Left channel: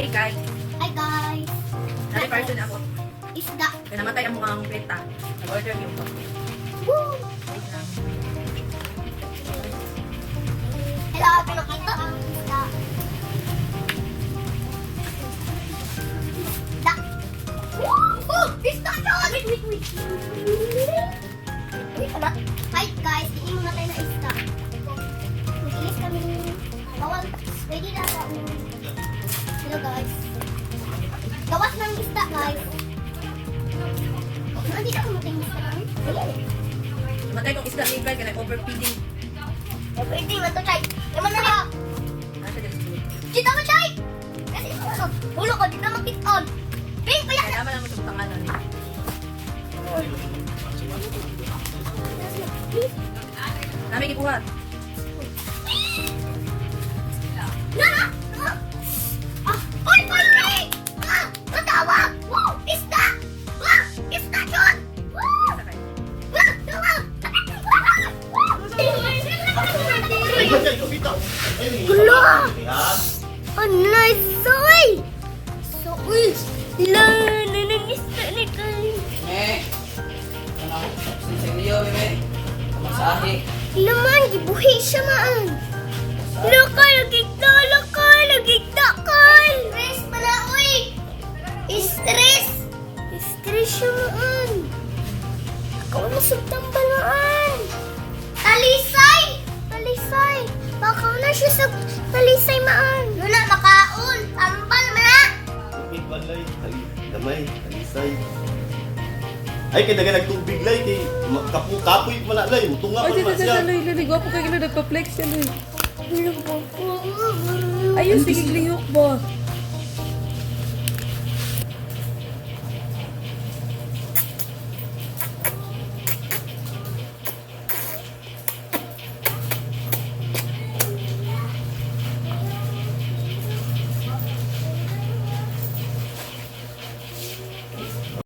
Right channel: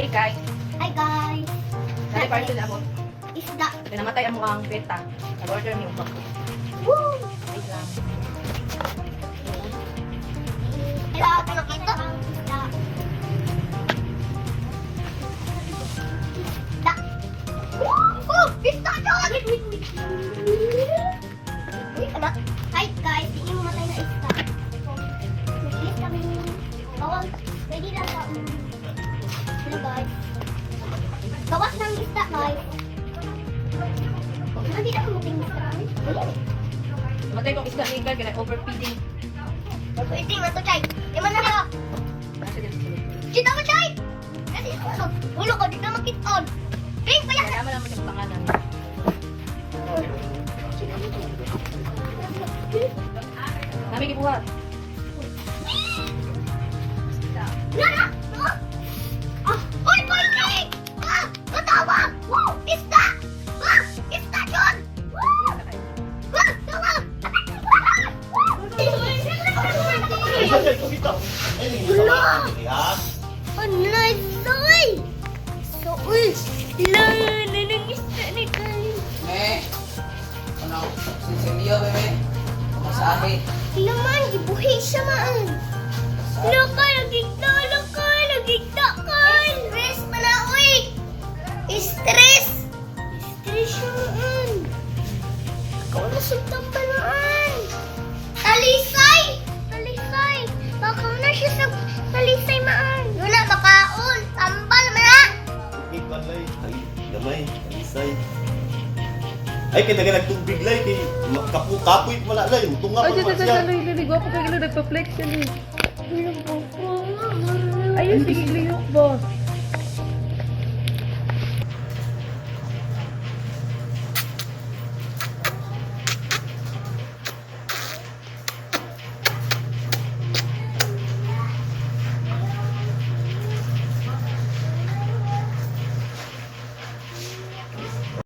Hey guys, Hi guys! nari parcel na ako. Isda! Kaya namatay ang mukhang beta. Nag-order niyo po. Woo! Hello, pinakita ang isda. Isda! Oh! Isda yun! Hi guys, hindi mo matay na isda. Mag-ilis kami ng bawal. Ready na sa hello guys. Gawas ng isda guys. Hindi na pumatay ng isda. Namatay kong isda ni Guy, kaya overfeeding. Pwede na to, Chay. Iman na lang. Basta dyan sa tulog. Kita mo, Chay! Kasi ulo ko, di na makit-on. Pink, kaya na. Kaya naman sa pangalan niya. Namin ibuhat. Lara! Ah! Oy, Pink! Ah! Matawag! Wow! Isda! Ah! Isda doon! Wow! Ah! Tawag! Anay, soy! Soy! Naninigisda ni Kain. Me, ano? Sinseryo, bebe. Masahe. Naman, gibuhi siya maan. Laka, nagigda, Kal. Stress pala, uy. Stress siya maan. Ikaw masutang palaan. Talisay. Baka na siya sa talisay maan. Yun na, makaon. Tambal mo na. Tubig balay, damay, talisay. Ay, kaya naga nagtubig lay, kay kapoy wala lay, tunga Ay, pa naman siya. dali, gwapo kayo nagpa-flex yan eh. Ayun, sige, lihok ba?